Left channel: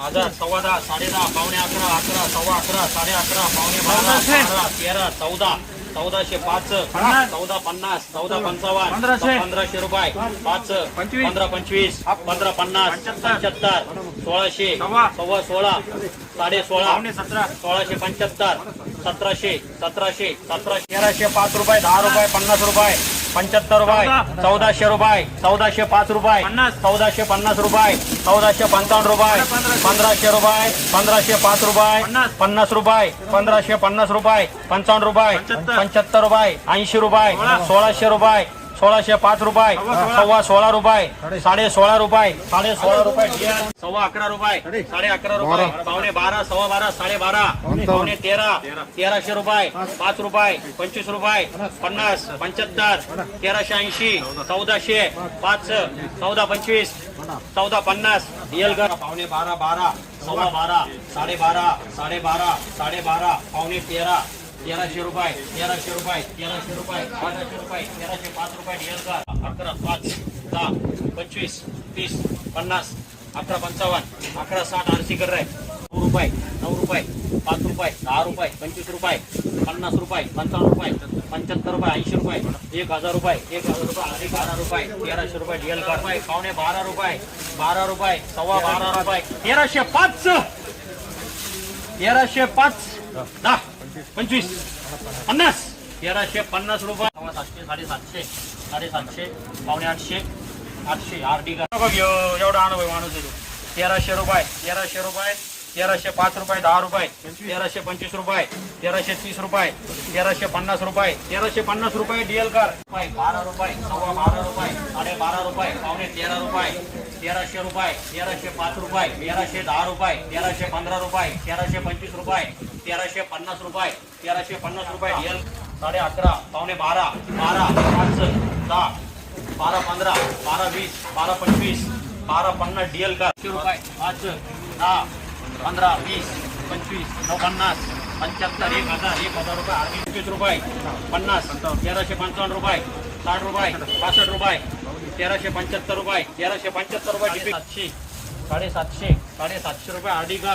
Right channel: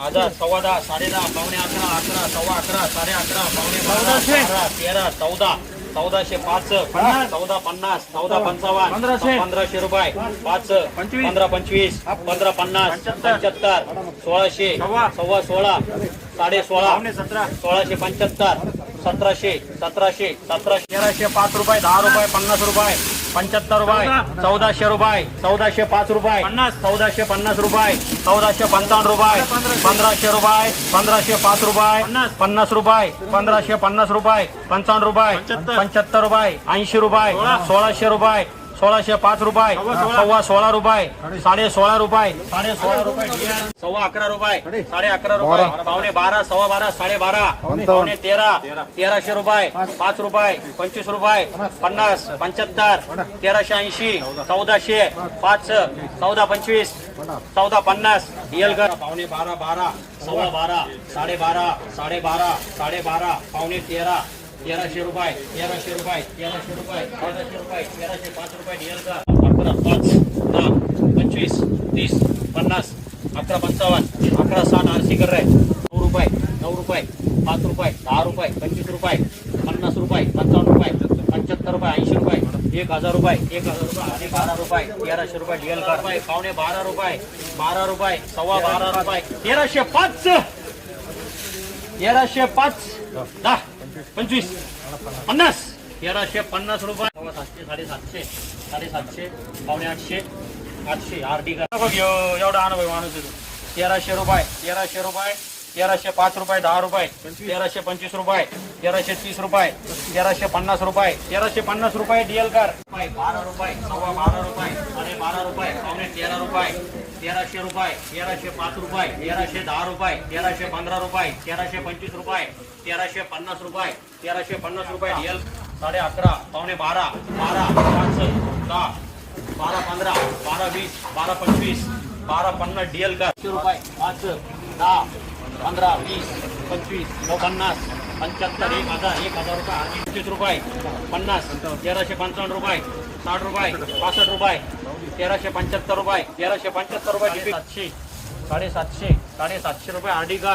हजार, सव्वा दहा, साडे दहा, पावणे अकरा, अकरा, सव्वा अकरा, साडे अकरा, पावणे बारा, 13, 14, 1405, 14, 50, 14, 55, 1500 रुपये, 5, 15, 25, 15, 50, 75, 1600, सव्वा 16, साडे 16, 1675, 1700, 1700, 1305 रुपये, 10 रुपये, 50 रुपये, 75 रुपये, 1400 रुपये, 1405 रुपये, 1450 रुपये, 1455 रुपये, 1500 रुपये, 1505 रुपये, 50 रुपये, 1550 रुपये, 55 रुपये, 75 रुपये, 80 रुपये, 1600 रुपये, 1605 रुपये, सव्वा 16 रुपये, साडे 16 रुपये, साडे 16 रुपये, सव्वा 11 रुपये, साडे 11 रुपये, पावणे 12, सव्वा 12, साडे 12, पावणे 13, 1300 रुपये, 5 रुपये, 25 रुपये, 50, 75, 1380, 1400, 5, 14, 25, 14, 50, DL कर पावणे 12, 12, सव्वा 12, साडे 12, साडे 12, साडे 12, पावणे 13, 1300 रुपये, 1300 रुपये, 1300 रुपये, 1300 रुपये, 1305 रुपये, DL कर 11, 5, 10, 25, 30, 50, 11, 55, 11, 60, RC कर रहे 9 रुपये, 9 रुपये, 5 रुपये, 10 रुपये, 25 रुपये, 50 रुपये, 55 रुपये, 75 रुपये, 80 रुपये, 1000 रुपये, 1000 रुपये, 12 रुपये, 1300 रुपये, DL कर पावणे 12 रुपये, 12 रुपये, सव्वा 12 रुपये, 1305, 1305, 10, 25, 50, 1350 रुपये, 700, 750, 750, पावणे 800, 800, RD का बघ एवढा अनुभव माणूस आहे 1300 रुपये, 1300 रुपये, 1305 रुपये, 10 रुपये, 1325 रुपये, 1330 रुपये, 1350 रुपये, 1350 रुपये, DL कर 12 रुपये, सव्वा 12 रुपये, साडे 12 रुपये, पावणे 13 रुपये, 1300 रुपये, 1305 रुपये, 1310 रुपये, 1315 रुपये, 1325 रुपये, 1350 रुपये, 1350 रुपये, DL साडे 11, पावणे 12, 12, 5, 10, 12, 15, 12, 20, 12, 25, 12, 50, DL कर 5, 10, 15, 20, 25, 50, 75, 1000 रुपये, 25 रुपये, 50, 1355 रुपये, 60 रुपये, 65 रुपये, 1375 रुपये, 1375 रुपये, 700, 750, 750 रुपये, RD का